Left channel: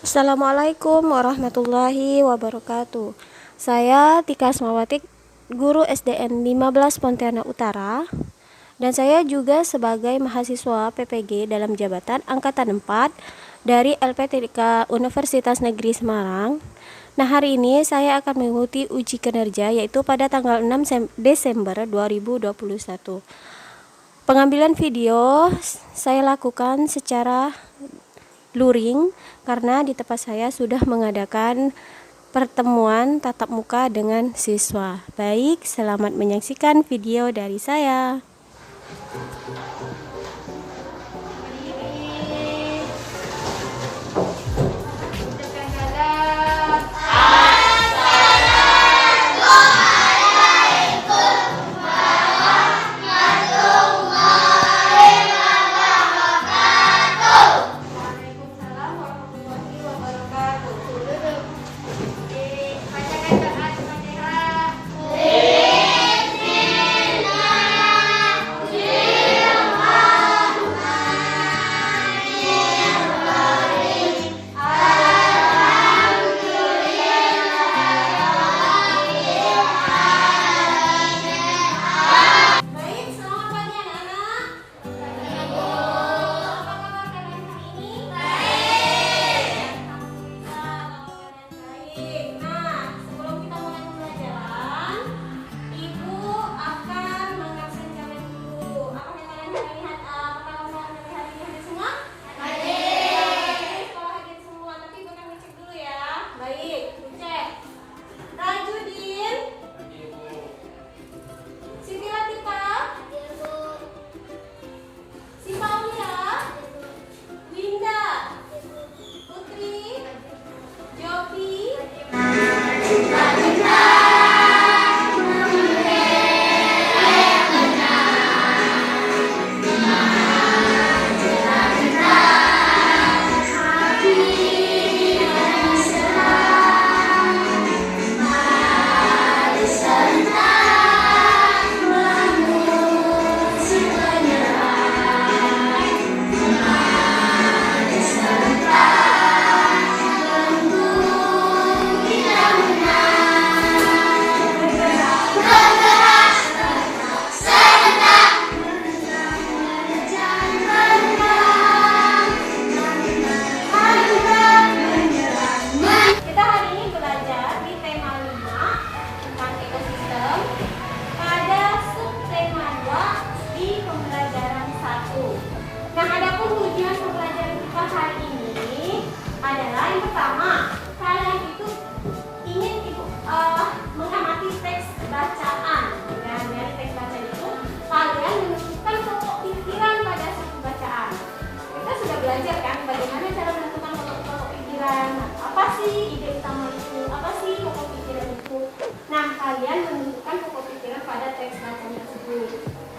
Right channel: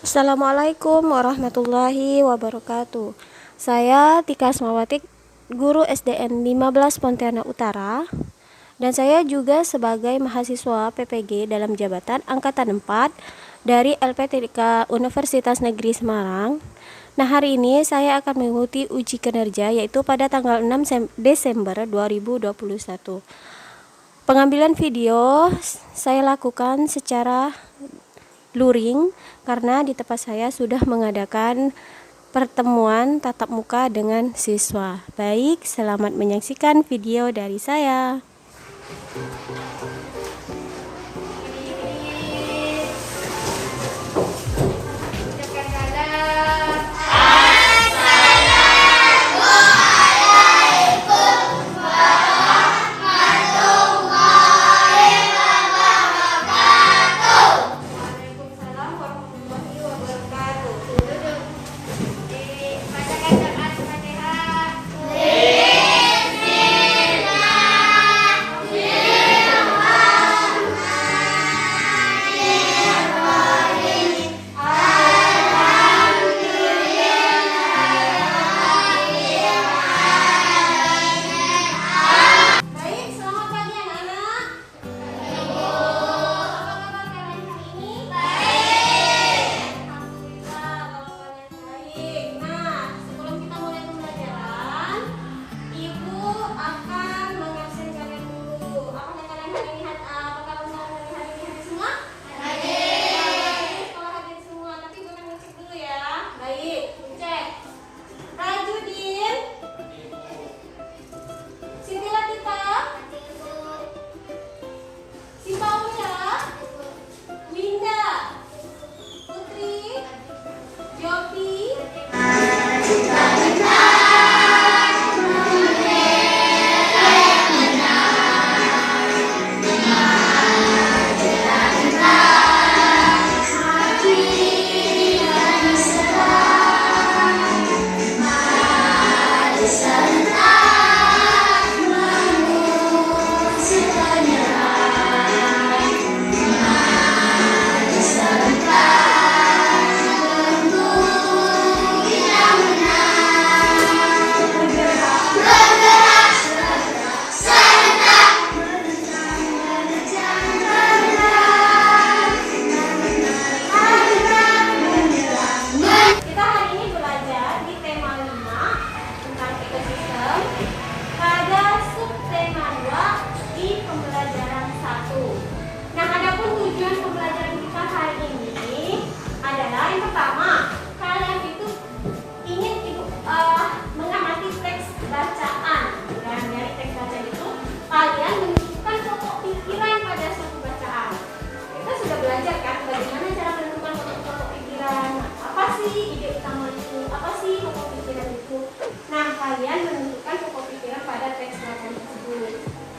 Assalamualaikum warahmatullahi wabarakatuh. Saya Tika Asmawati, guru SDN 15 Pontianak Utara, dan saya juga sebagai mahasiswa PPG dalam jabatan Angkatan 4 dari LPTK Universitas Negeri Semarang. Nah, hari ini saya akan mengikuti uji kinerja yaitu pada tanggal 6 Desember 2021. Pengambilan video saya lakukan secara luring karena di tempat saya sudah mengadakan pertemuan tatap muka dengan siswa. Baik, selamat menyaksikan video dari saya.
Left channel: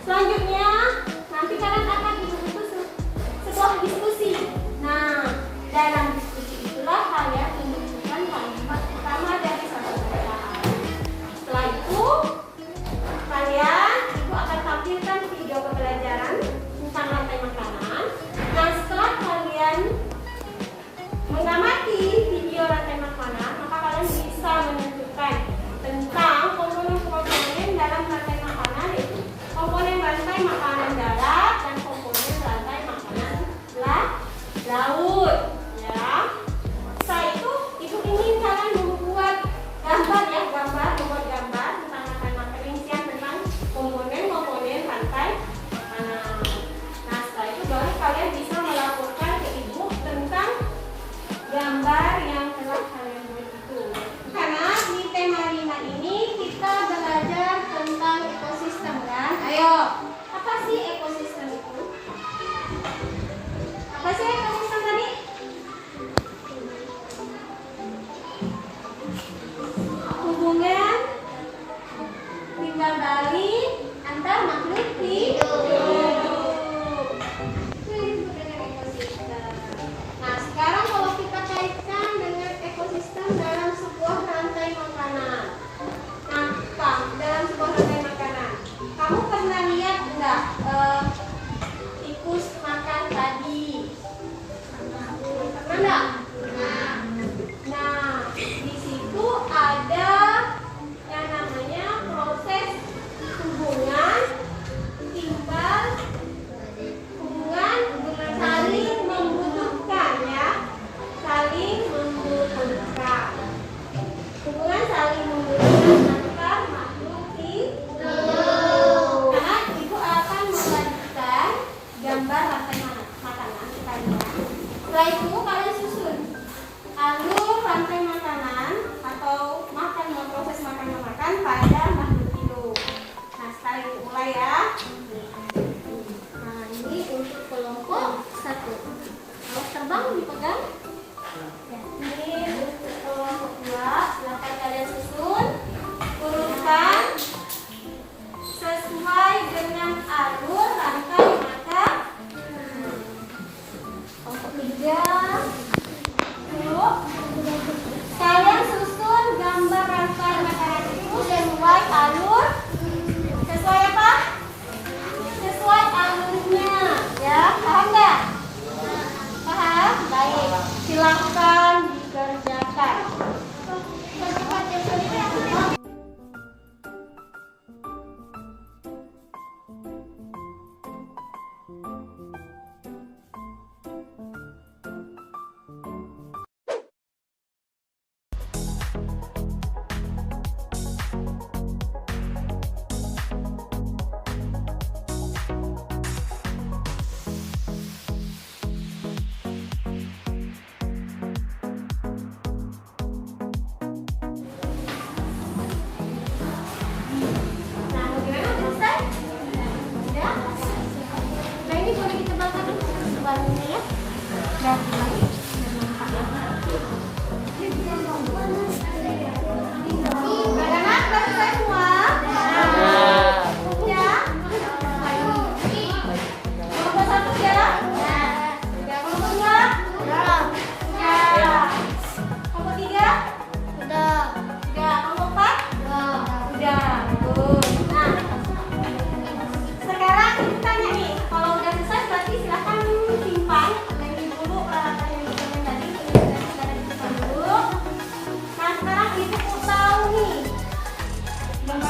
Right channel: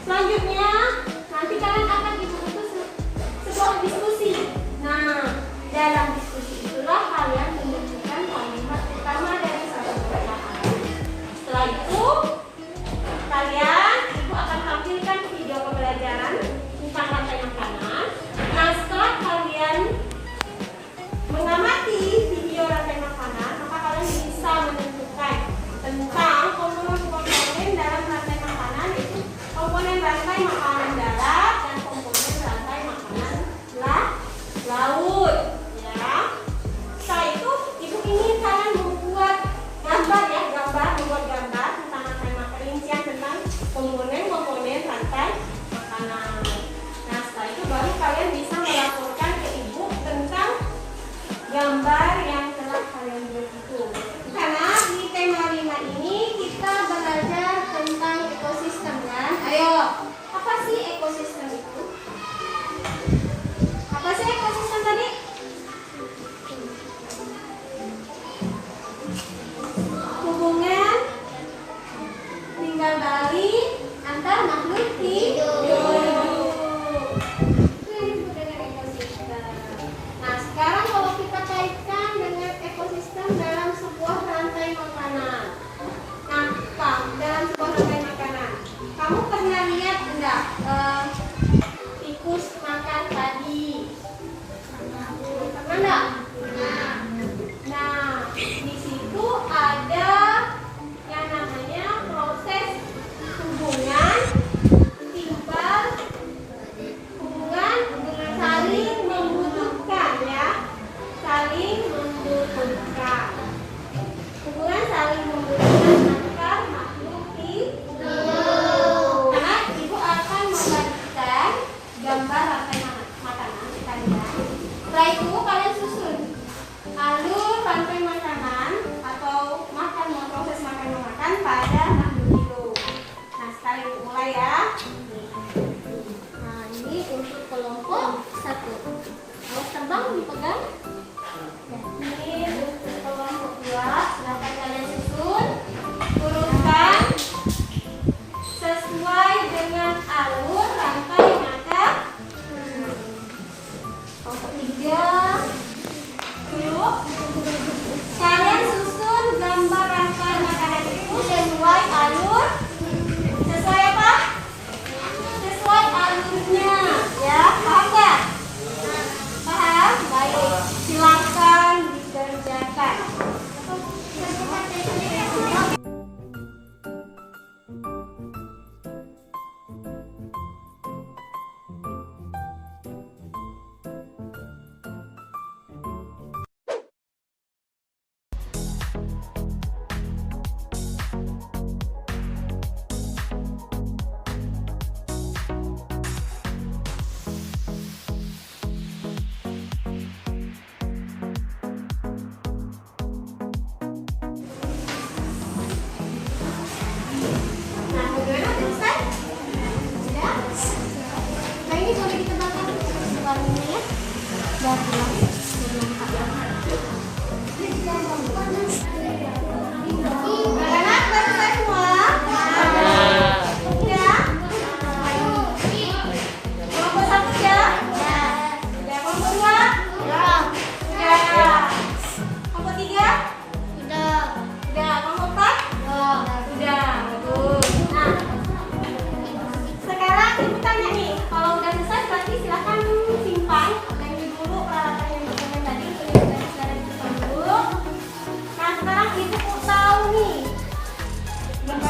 Selanjutnya, nanti kalian akan dibutuhkan sebuah diskusi. Nah, dalam diskusi itulah kalian menunjukkan kalimat utama dari satu perkataan. Setelah itu, kalian akan tampilkan video pembelajaran tentang rantai makanan. Nah, setelah kalian mengamati video rantai makanan, maka kalian bisa menentukan tentang komponen dalam rantai makanan, yaitu komponen rantai makanan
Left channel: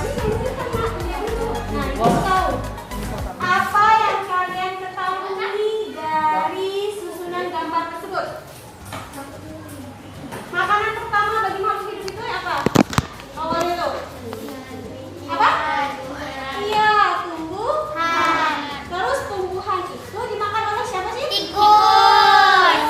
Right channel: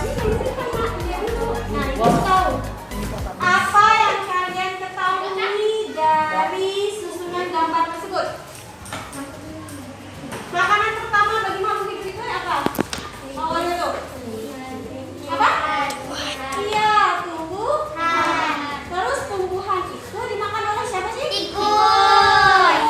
Nah, itu tahu. Apa yang kalian ketahui dari susunan gambar tersebut? Makanan pertama bagi makhluk hidup itu apa? Awalnya tuh. Apa? Iya, tumbuhan. Terus tumbuhan itu dimakan oleh siapa sih? Tikus.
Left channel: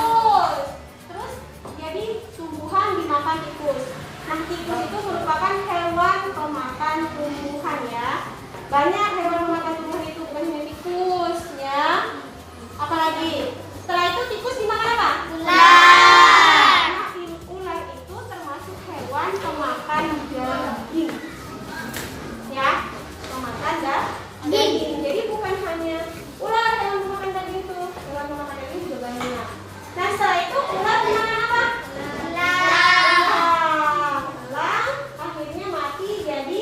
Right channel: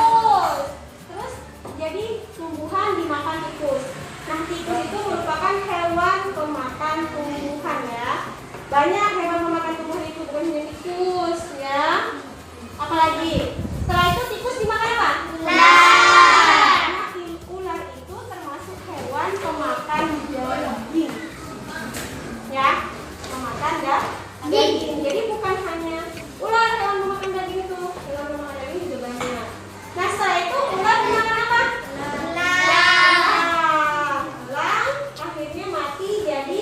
Terus jadi tumbuhan dimakan tikus. Nah, tikus itu merupakan hewan pemakan tumbuhan ya. Banyak hewan pemakan tumbuhan itu, bukan hanya tikus ya. Apalagi? Setelah itu tikus dimakan apa? Ular. Nah, ular itu termasuk hewan pemakan daging. Ya, pemakan daging. Jadi bukan hanya ular hewan pemakan daging itu, hewan pemakan daging juga banyak. Nah, setelah itu ular dimakan apa? Elang akhirnya mati jadi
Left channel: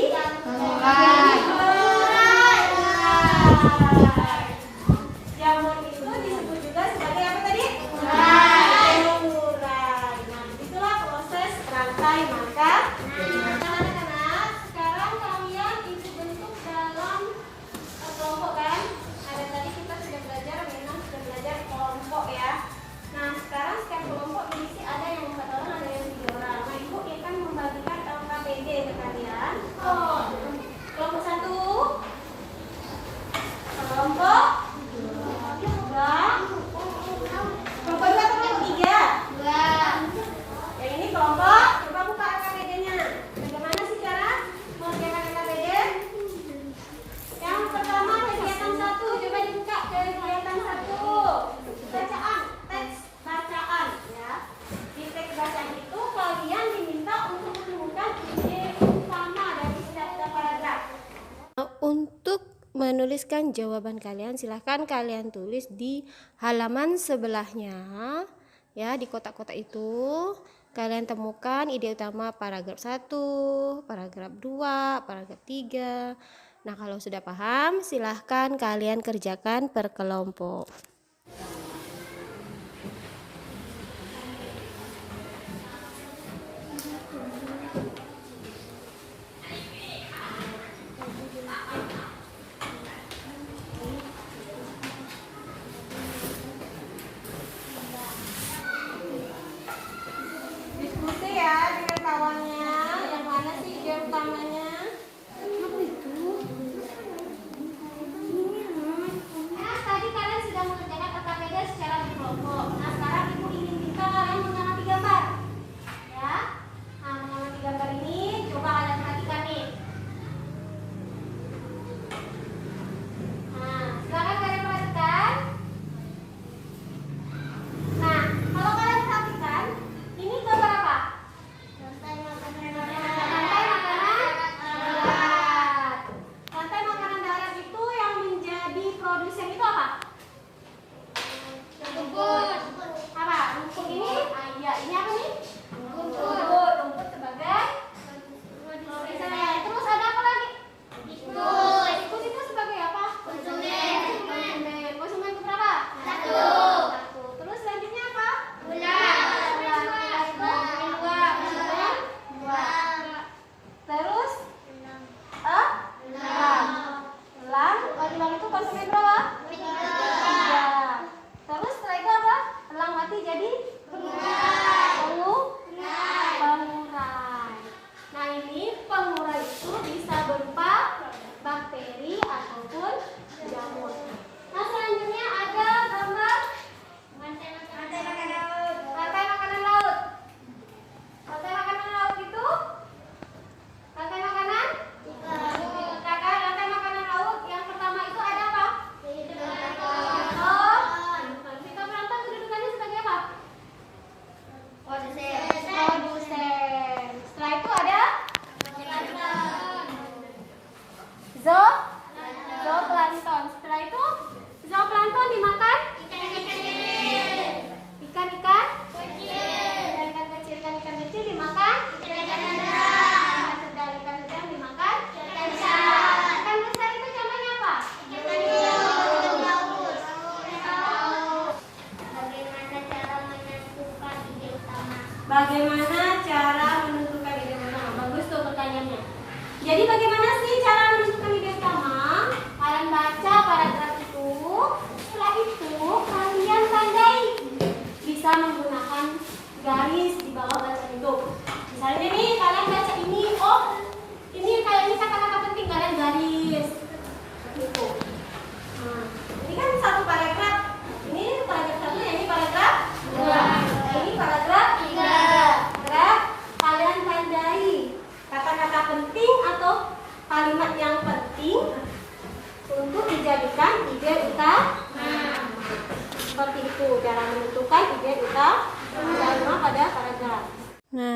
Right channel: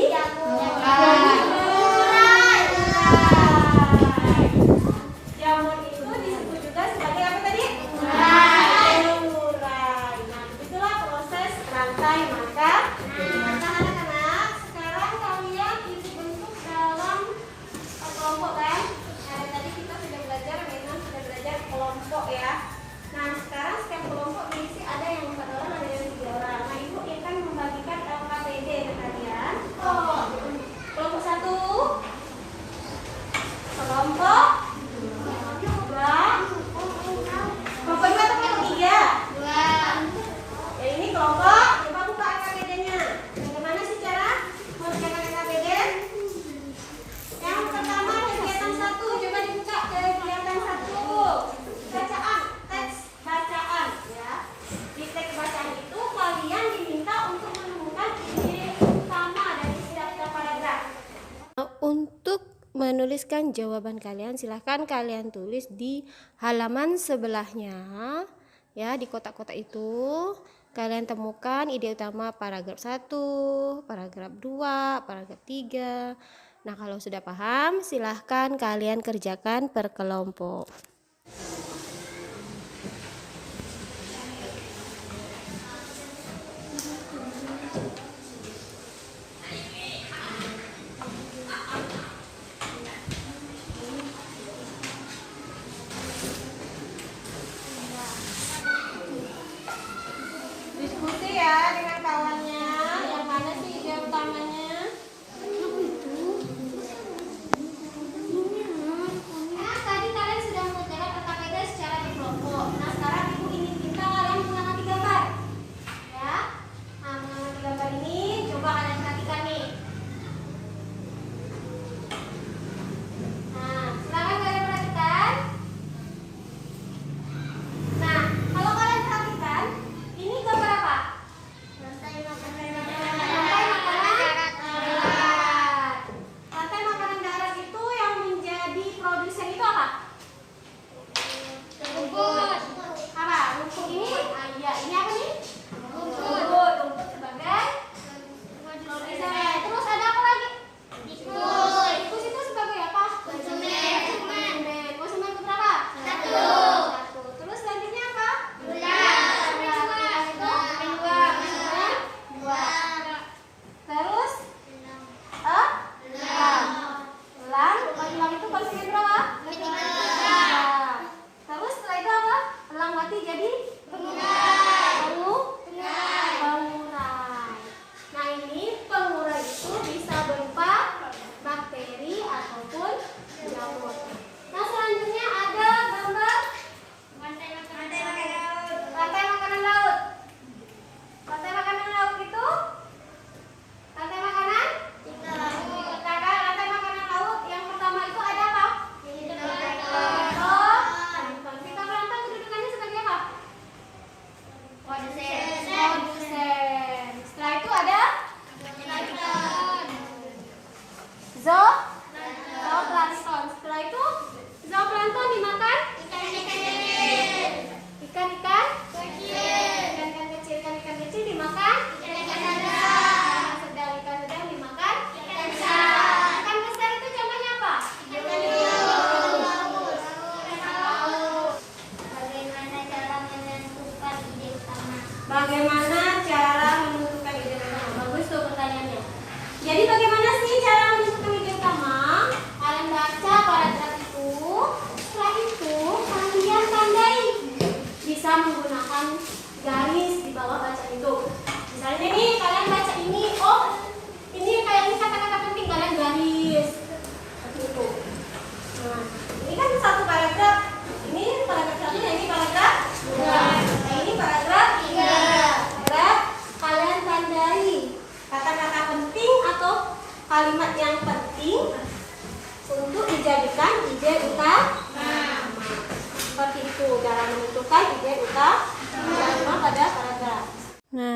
jamur itu disebut juga sebagai apa tadi? Ular. Nah, itulah proses rantai makan. Nah, anak-anak, sekarang kalian dibentuk dalam kelompok kan? Nah, tadi kita sudah belajar, memang sudah belajar kelompok ya. Nah, sekarang setiap kelompok diisi ada yang 4 orang, ada yang 3 orang. Nah, ibu akan membagikan LKPD ke kalian. Kelompok 1, kelompok 2, kelompok 2 atau kelompok 3? Ya, ini kelompok. Coba buka LKPD-nya. Bagaimana sih cara mengerjakan LKPD? Yang pertama kegiatan 1, coba dibuka kegiatan 1. Bacaan, teks bacaan ya. Di teks bacaan itu kalian diminta untuk menemukan ide utama dari setiap paragraf. Untuk menuliskan jawaban kalian, silahkan kalian tulis di halaman sebelahnya ya, di kotak-kotak itu kalian temukan ide utama paragraf 1, paragraf 2, paragraf 3. Nah, kalau sudah paham, silahkan kalian kerjakan per kelompok. Diskusi ya dengan kawannya. Yang mana sih ide utamanya? Apa itu? Tadi kalian sudah mengerjakan LKPD secara berkelompok. Nah, sekarang ibu ingin minta kalian mengamati gambar. Ya. Nah, mengamati gambar ini coba kalian perhatikan nih. Nah, silakan kalian perhatikan. Nah, kalau kalian perhatikan, ini gambar apa? Rantai makanan darat. Rantai makanan darat itu yang menjadi produsen itu apa? Rumput. Apa? Rumput ini? Iya, ini apa nih? Rumput. Rumput sebagai produsen. Terus ada apa lagi? Tikus. Tikus itu sebagai apa? Konsumen. Konsumen itu berapa? 1. Terus selanjutnya apa? Ular. Ular itu 2. Konsumen 2. Terus elang. Elang itu konsumen berapa? 3. Terus setelah itu apa? Elang mati jadi pengurai. Nah, ini pengurai itu bisa berupa bakteri ataupun jamur. Nah, selanjutnya ada gambar rantai makanan laut. Rantai makanan laut. Rantai makanan laut itu rantai makanan rantai makanan laut yang pertama itu ada apa? Fitoplankton kedudukannya sebagai apa? Produsen. Setelah itu ada zooplankton. Setelah itu zooplankton dimakan ikan-ikan kecil. Ikan kecil dimakan ikan sedang dimakan ikan besar. Ikan besar itu contohnya apa? Bagaimana cara menentukan ide utama? Bagus tuh pertanyaannya. Jadi bagaimana sih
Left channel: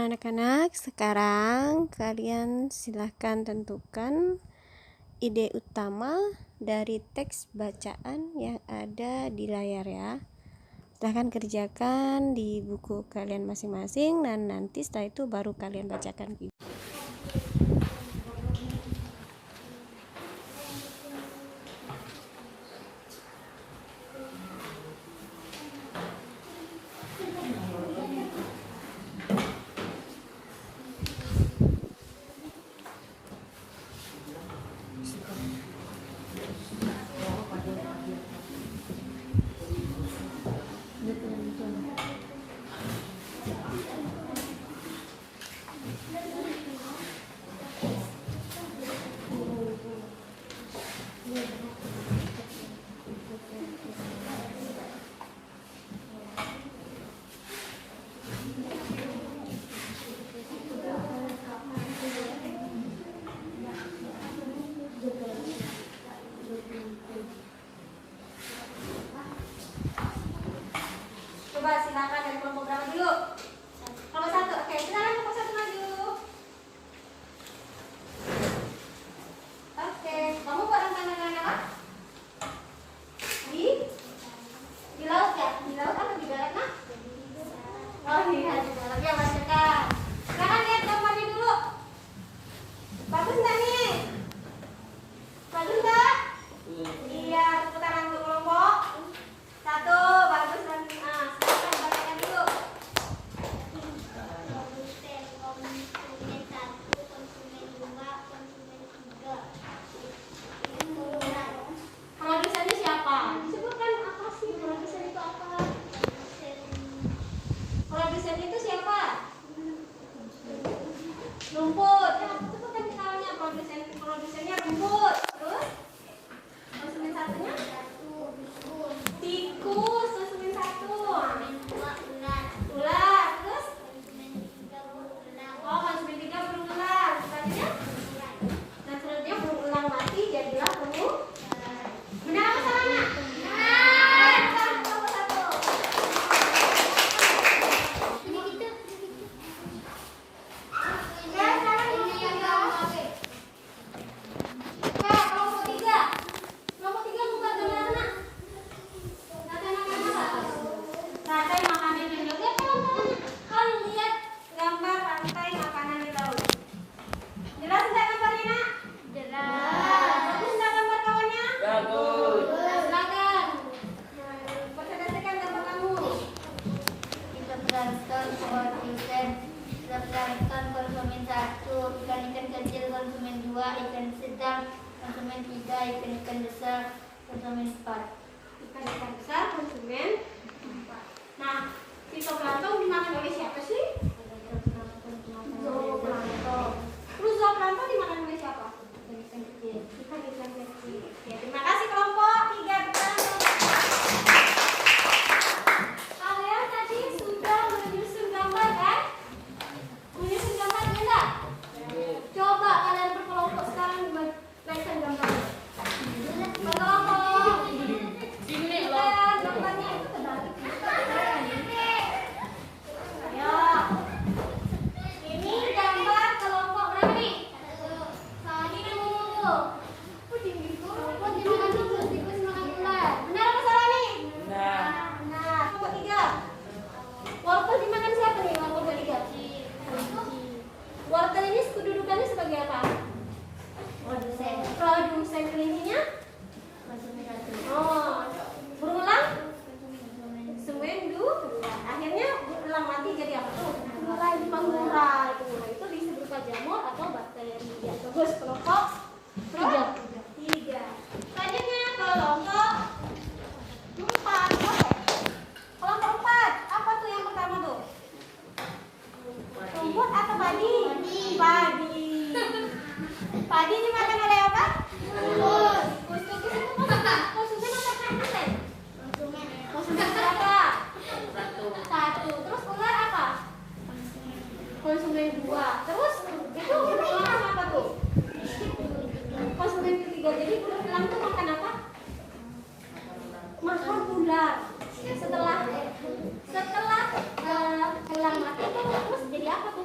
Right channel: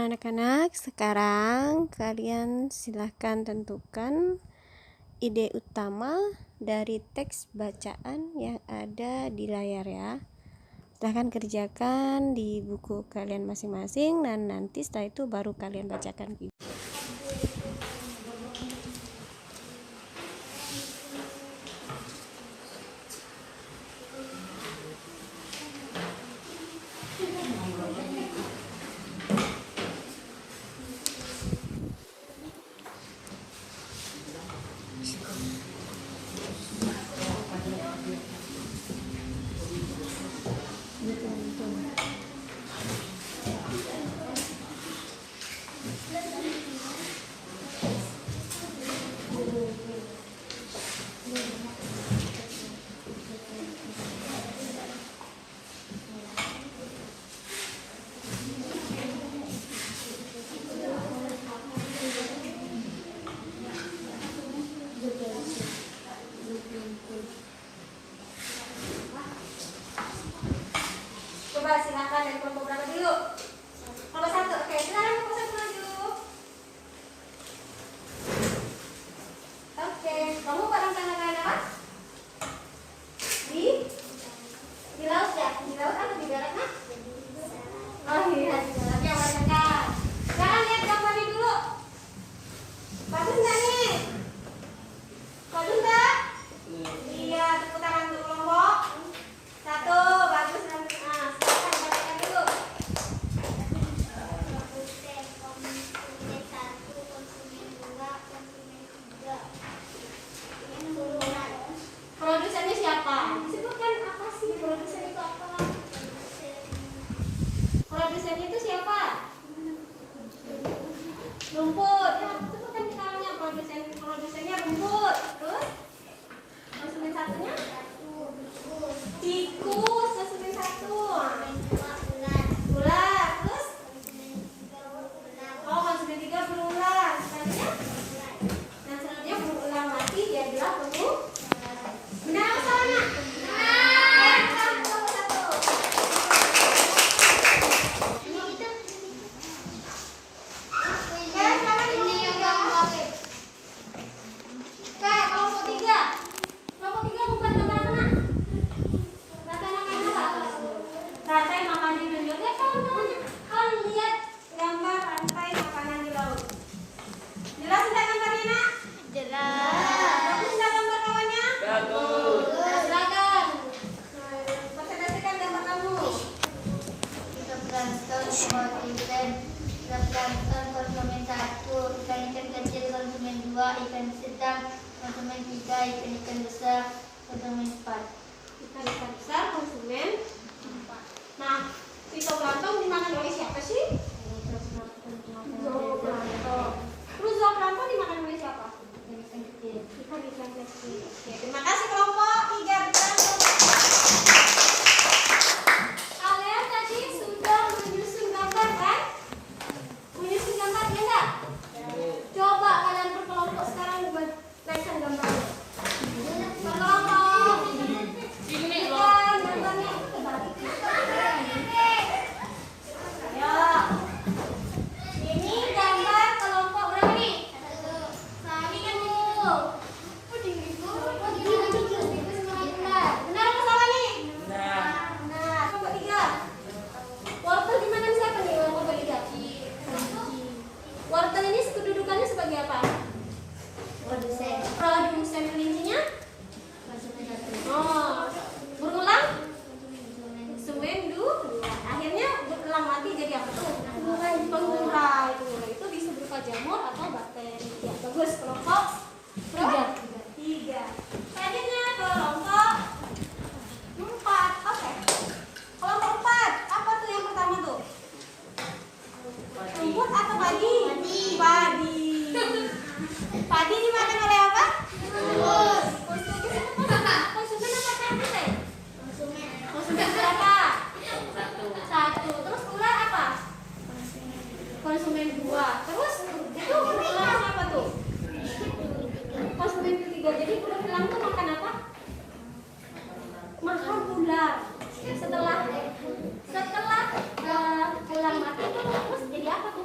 anak-anak, sekarang kalian silahkan tentukan ide utama dari teks bacaan yang ada di layar ya. Silahkan kerjakan di buku kalian masing-masing dan nanti setelah itu baru kalian bacakan. Coba silakan dari kelompok berapa dulu? Kelompok 1. Oke, silakan kelompok 1 maju. Oke, kamu bareng tangan apa? Di laut ya? Di laut atau di darat, Nak? Oh iya, di darat ya, mereka. Silakan lihat gambarnya dulu. Bagus nggak nih? Bagus nggak? Iya, tepuk tangan untuk kelompok 1. Bagus nanti. Nah, silakan bacakan dulu. Konsumen 1, konsumen 2, konsumen 3. Produsennya siapa? Disebutkan apa sih produsen itu apa? Produsen itu siapa? Rumput. Ya, sebutkan misalnya produsennya rumput. Terus konsumen satunya? Tikus. Konsumen 1. Ular. Terus? Oh, konsumen 3 berulang. Selanjutnya? Dan selanjutnya berulang mati jadilah kamu. Benar apa salahnya? Benar. Kelompok 1. Ya, sekarang ini yang gambar. Oke, kelompok 3. Kelompok 3 bukan gambar anak. Data anak-anak. Rantai makanan di laut. Lihat kawan-kawan. Kalian lihat gambar rantai makanan di laut. Jelas tidak gambarnya, Nak? Jelas. Bagus tidak gambar kawannya? Bagus. Nah, silakan. Nah, presentasikan gambar kamu. Plankton konsumen 1, ikan kecil konsumen 2, ikan sedang konsumen 3, ikan besar konsumen 4. Ikan besar konsumen 4. Nah, fitoplankton dimakan oleh siapa sih? Zooplankton. Terus zooplankton dimakan oleh siapa? Ikan kecil. Ikan kecil. Oke, terima kasih kelompok 3 bertanggung. Kalian tadi sudah menyusun gambar kan? Menyusun gambar ya enggak? Coba kalian berkelompok sekarang naikkan gambarnya. Berkelompok. Kan gambarnya itu terbalik. Ya. Ini gambar kelompok berapa nih? Nah, ini kan menyusul. Benar apa salah nih? Benar. Kelompok 3. Wortel dimakan siapa nih kelompok 3? Wortel ini kedudukannya sebagai apa? Produsen Produsen. Kelincinya? konsumen 1. Oh. Berulang? Konsumen 2. Konsumen 2. Akhirnya berulang mati jadi apa tuh? Pengurai. Itu bisa berupa jamur atau bakteri. Ya, bagus. Kelompok 3. Selanjutnya kelompok 4. Oke. Kelompok 4. Apa tuh yang pertama tuh? Rumput atau padi? Padi. Padi dimakan oleh apa? Tikus. Konsumen apa produsen? Konsumen berapa? 1. Terus ular apa? Konsumen 2. Terus itu berulang apa tuh? Konsumen ketiga. Jadi berulang tuh makan apa? Makan ular. Setelah elang mati terus jadi apa tuh?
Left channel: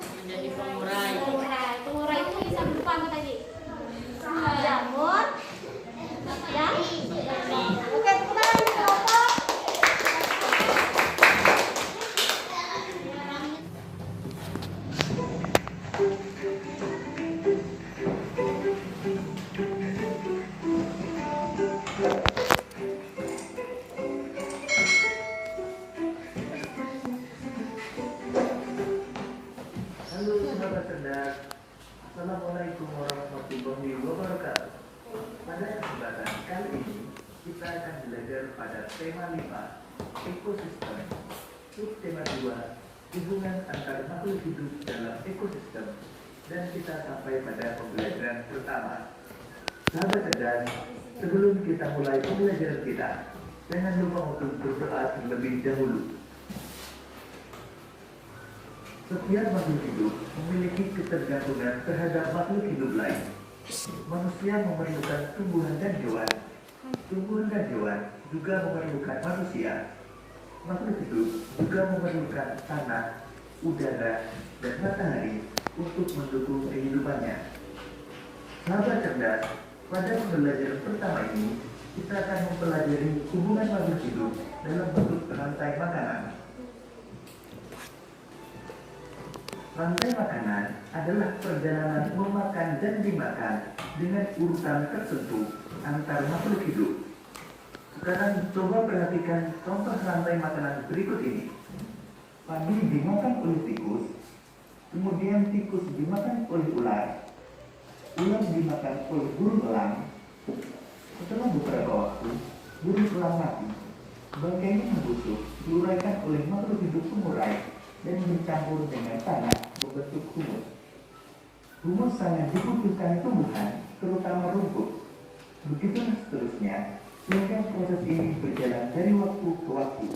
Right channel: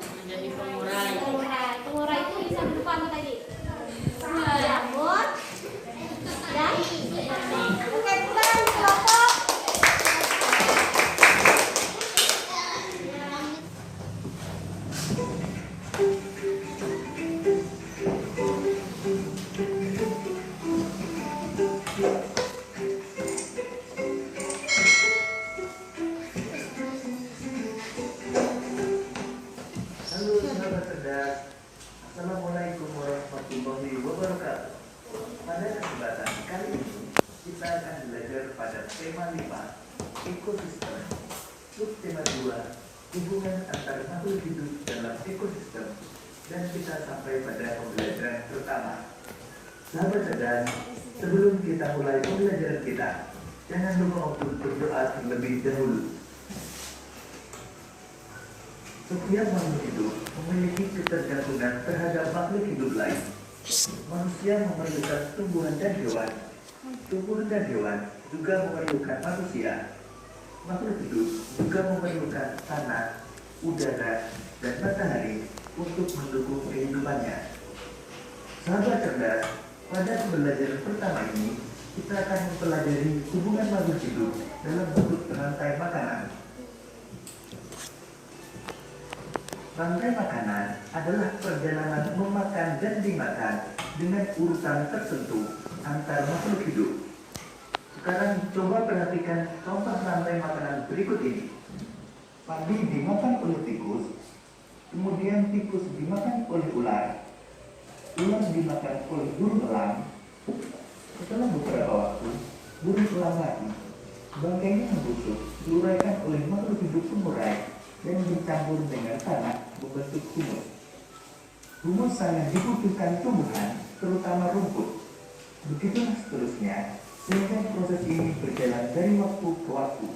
makhluk hidup dalam ekosistem, dan kita sampai pada pembelajaran pertama. Sahabat cerdas, sebelum kita mulai pembelajaran kita, jangan lupa untuk berdoa terlebih dahulu. Setiap makhluk hidup memiliki ketergantungan terhadap makhluk hidup lain. Manusia memerlukan tumbuhan dan hewan. Tumbuhan dan hewan juga memerlukan manusia. Makhluk hidup juga memerlukan tanah, udara, dan matahari untuk mendukung kehidupannya. Sahabat cerdas, pada pembelajaran pertama ini, kita akan mempelajari hubungan makhluk hidup dalam bentuk rantai makanan. Rantai makanan adalah perjalanan memakan dan dimakan dengan urutan tertentu antar makhluk hidup. Sekarang coba perhatikan contoh rantai makanan berikut ini. Padi dimakan oleh tikus, kemudian tikus dimakan oleh ular, ular dimakan oleh burung elang. Setelah beberapa waktu, burung elang mati. Bangkainya membusuk, diuraikan oleh makhluk hidup pengurai dan dicampur dengan tanah membentuk humus. Humus sangat dibutuhkan tumbuhan, terutama rumput. Begitulah seterusnya, sehingga proses ini berjalan dari waktu ke waktu.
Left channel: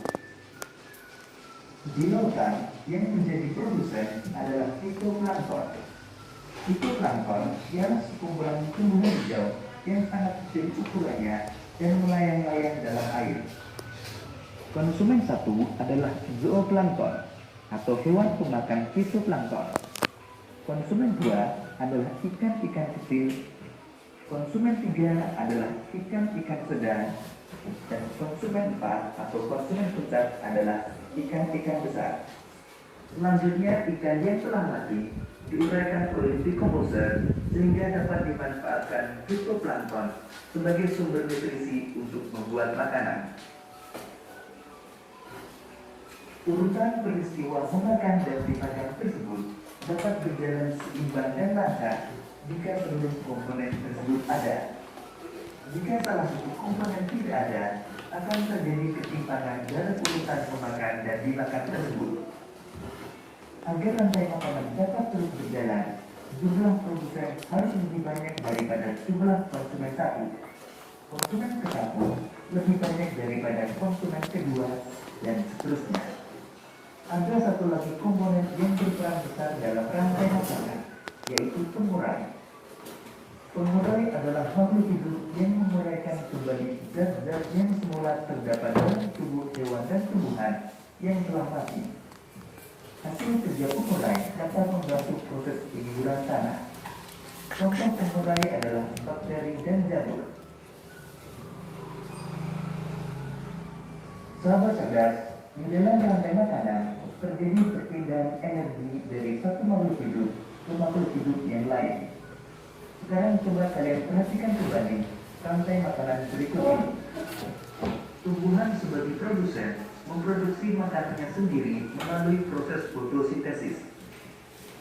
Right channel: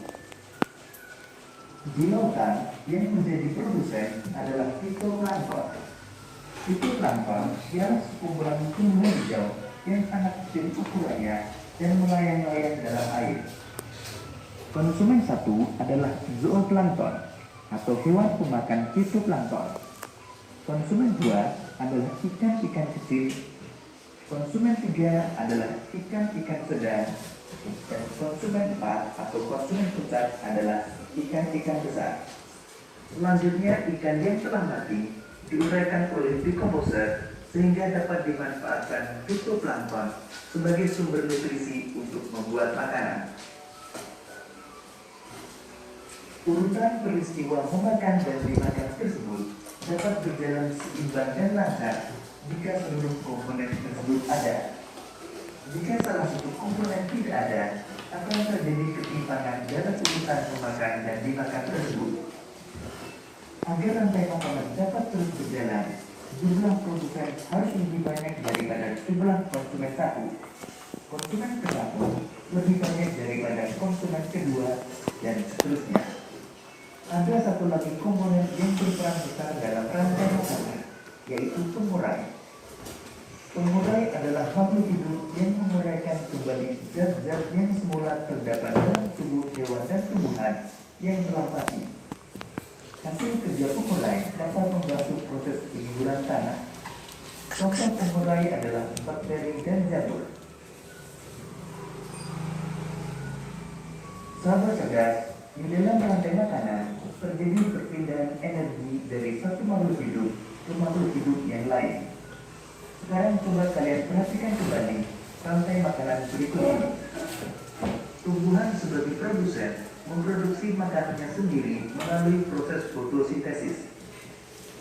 Di lautan, yang menjadi produsen adalah fitoplankton. Fitoplankton ialah sekumpulan tumbuhan hijau yang sangat kecil ukurannya dan melayang-layang dalam air. Konsumen satu adalah zooplankton atau hewan pemakan fitoplankton. Konsumen dua adalah ikan-ikan kecil. Konsumen tiga adalah ikan-ikan sedang. Dan konsumen empat atau konsumen pusat adalah ikan-ikan besar. Selanjutnya, ikan yang telah mati diuraikan oleh decomposer sehingga dapat dimanfaatkan fitoplankton sebagai sumber nutrisi untuk membuat makanan. Urutan peristiwa memakan dan dimakan tersebut dapat berjalan seimbang dan lancar jika seluruh komponen tersebut ada. Jika salah satu komponen tidak ada, akan terjadi ketimpangan dalam urutan memakan dan dimakan tersebut. Agar rantai makanan dapat terus berjalan, jumlah produsen harus lebih banyak daripada jumlah konsumen satu. Konsumen ke satu lebih banyak daripada konsumen kedua, dan seterusnya. Ada satu lagi komponen yang berperan besar dalam rantai makanan, yaitu pengurai. Pengurai adalah makhluk hidup yang menguraikan kembali zat-zat yang semula terdapat dalam tubuh hewan dan tumbuhan yang telah mati. Hasil kerja pengurai dapat membantu proses penyuburan tanah. Contoh pengurai adalah bakteri dan jamur. Sahabat cerdas, di dalam rantai makanan terjadi perpindahan energi dari satu makhluk hidup ke makhluk hidup yang lain. Sekarang coba kalian perhatikan kembali rantai makanan berikut ini. Tumbuhan sebagai produsen memproduksi makanannya sendiri melalui proses fotosintesis.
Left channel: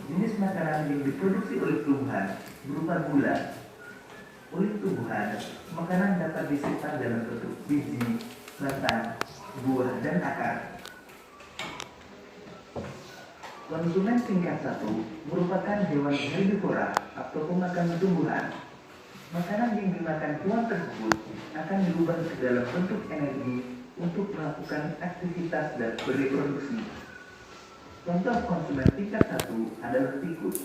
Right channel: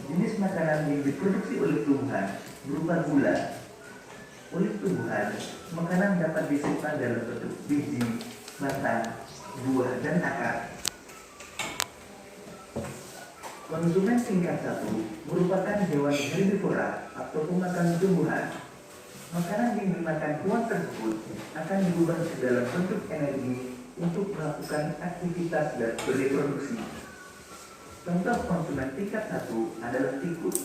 Jenis makanan yang diproduksi oleh tumbuhan berupa gula. Oleh tumbuhan, makanan dapat disimpan dalam bentuk biji, batang, buah, dan akar. Konsumen tingkat satu merupakan hewan herbivora atau pemakan tumbuhan. Makanan yang dimakan hewan tersebut akan diubah ke dalam bentuk energi untuk melakukan aktivitas dan bereproduksi. Contoh konsumen tingkat satu adalah tikus.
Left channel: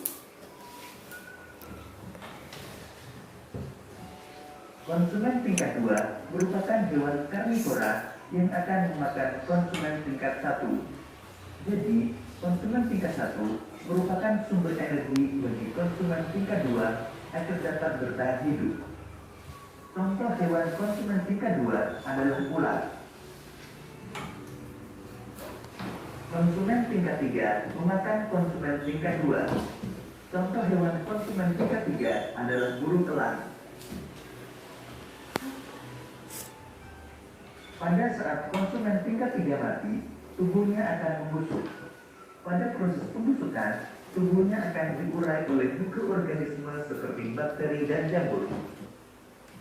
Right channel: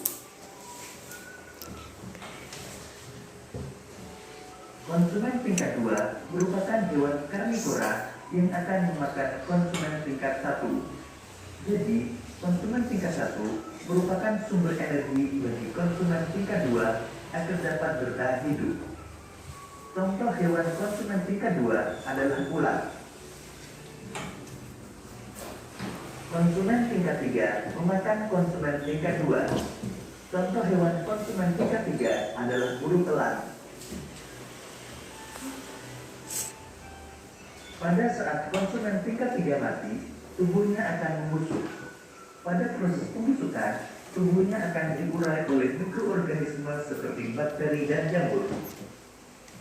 Konsumen tingkat 2 merupakan hewan karnivora yang akan memakan konsumen tingkat 1. Jadi, konsumen tingkat 1 merupakan sumber energi bagi konsumen tingkat 2 agar dapat bertahan hidup. Contoh hewan konsumen tingkat 2 adalah ular. Konsumen tingkat 3 memakan konsumen tingkat 2. Contoh hewan konsumen tingkat 3 adalah burung elang. Pada saat konsumen tingkat 3 mati, tubuhnya akan membusuk. Pada proses pembusukan, tubuhnya akan diurai oleh mikroorganisme seperti bakteri dan jamur.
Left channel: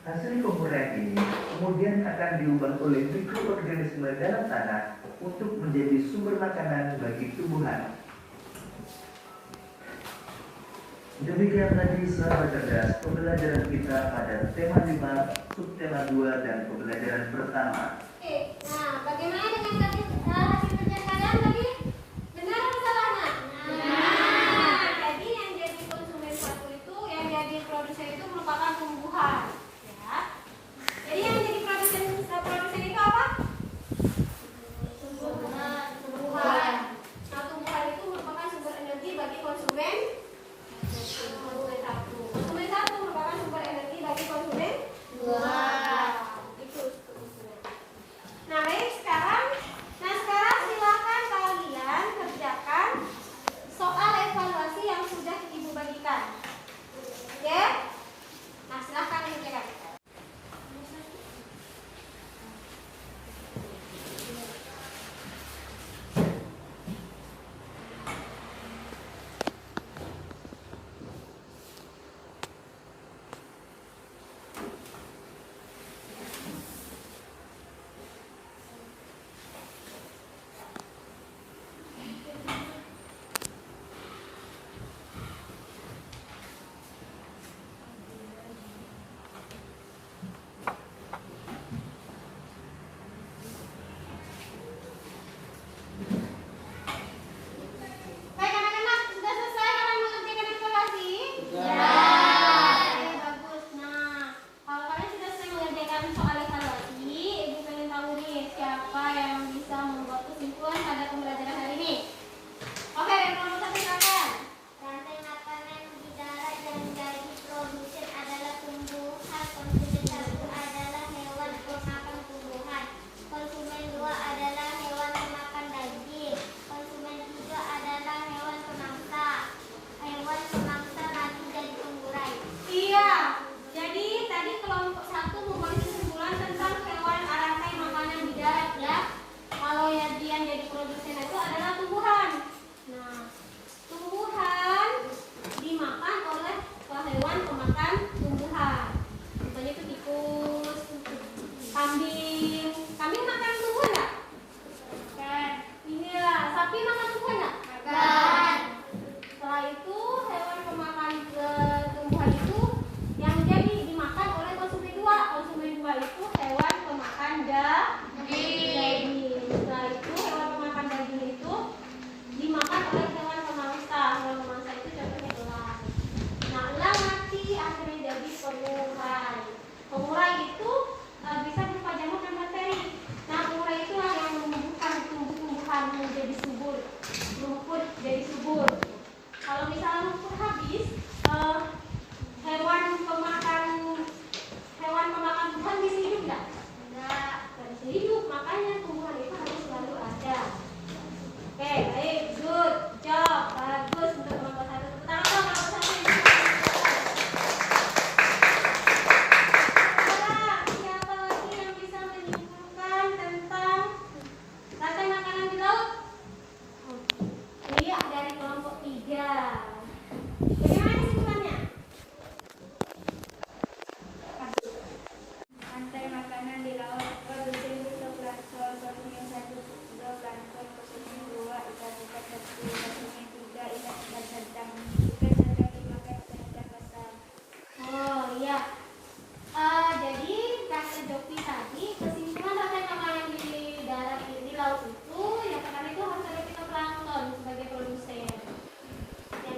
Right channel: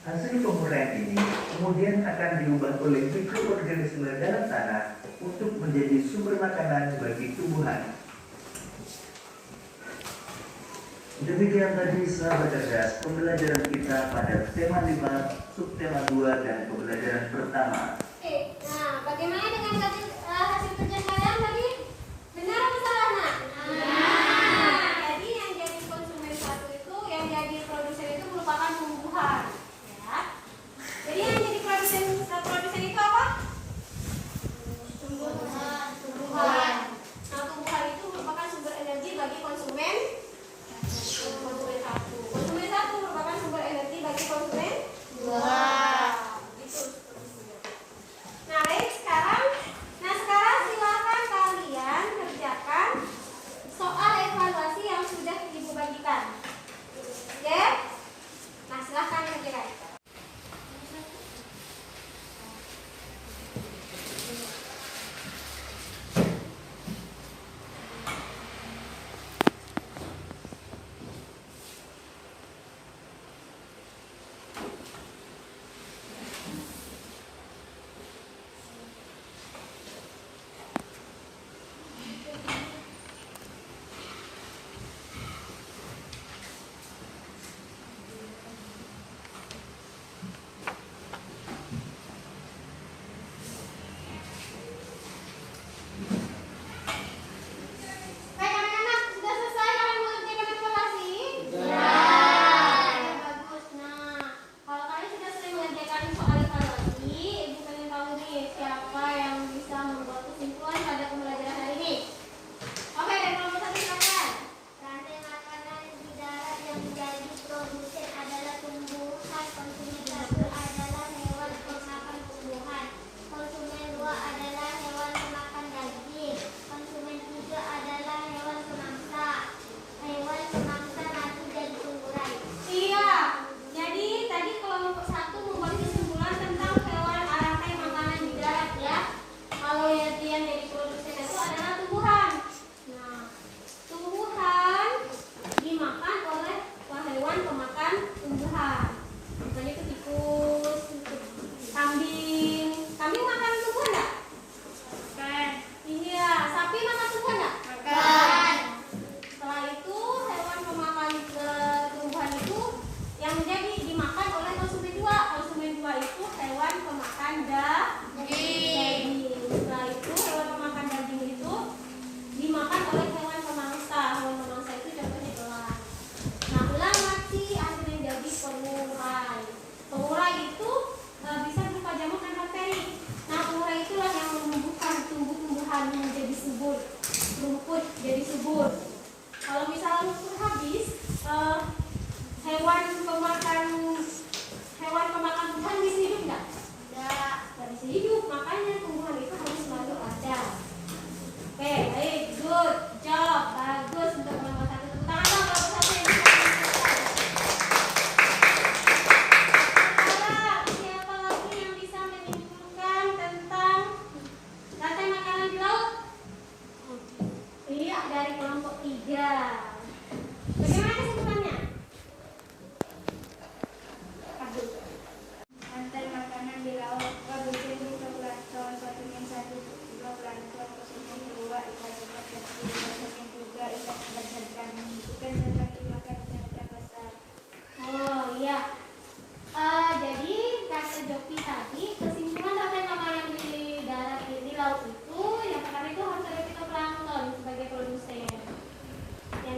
Hasil penguraian ini kemudian akan diubah oleh mikroorganisme dalam tanah untuk menjadi sumber makanan bagi tumbuhan. Demikian tadi sahabat cerdas pembelajaran kita pada tema 5, subtema 2 dan pembelajaran pertama. Oke, nah bagaimana dengan hasil kerja kalian tadi? Benar atau salah nak? Nah, jadi yang jadi konsumen satu itu, yang jadi produsen itu merupakan tumbuhan, ya. Jadi yang jadi produsen itu apa? Tumbuhan. Nah, tumbuhan itu merupakan sumber energi bagi konsumen satu. Konsumen satu merupakan sumber energi bagi konsumen dua. Itu seterusnya. Nah, baik sekarang silakan kalian kerjakan soal evaluasi yang sudah Ibu bagikan. Oke? Nah, silakan kerjakan. Baik anak-anak, sudah selesai kalian mengerjakan evaluasi? Ya. Bagus. Nah, kalau kalian sudah selesai mengerjakan soal evaluasi, Ibu pengen tahu nih siapa yang bisa membuat kesimpulan pada pembelajaran hari ini. Oke, dari nomor 1 silakan. Rantai makanan di darat yang menjadi produsen adalah tumbuhan. Konsumen satu adalah hewan pemakan tumbuhan. Konsumen dua adalah hewan pemakan daging. Konsumen tiga adalah hewan pemangsa. Hewan pemangsa nasi dan tumbuhan. Iya. Jadi tadi kelompok 1 membuat kesimpulan tentang hewan rantai makanan di darat ya. Kalau yang jadi produsen itu adalah tumbuhan. Nah, tumbuhan dimakan oleh hewan pemakan tumbuhan. Contohnya itu tikus, kambing. Kambing makan tumbuhan nggak? Makan. Iya. Sapi makan tumbuhan nggak? Makan. Setelah itu hewan pemakan tumbuhan itu yang jadi dimakan oleh konsumen dua. Konsumen dua itu hewan pemakan daging. Setelah itu hewan pemakan daging itu dimakan oleh hewan pemangsa. Hewan pemangsa itu contohnya elang. Nah, elang mati akhirnya jadi pengurai. Pengurai itu bisa berupa jamur dan bakteri. Nah, pengurai itulah yang menumbuhkan tumbuh-tumbuhan menjadi subur, rumput jadi subur. Kalau misalnya rumput habis, hewan pemakan tumbuhan bisa hidup nggak? Nggak bisa hidup. Makanya tumbuhan itu harus selalu ada. Oke, baik, good job, bagus untuk kelompok 1. Tepuk tangan dong kelompok 1 yang bisa menunjukkan. Sekarang siapa lagi yang bisa menunjukkan tentang rantai makanan di laut? Iya, dari kelompok 3. Bagaimana kesimpulannya? Rantai makanan di laut. Produsen fitoplankton. Konsumen satu zooplankton. Konsumen dua ikan ikan kecil. Konsumen tiga ikan ikan sedang. Ikan sedang dimakan ikan ikan besar. Oh iya. Jadi kata Joki tadi kesimpulan rantai makanan di darat di laut itu yang pertama itu harus ada fitoplankton sebagai produsen. Yang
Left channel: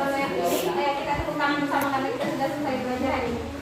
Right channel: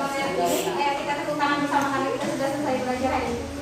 Kalau saya pilih, kita tepuk tangan bersama karena kita sudah selesai belajar hari ini.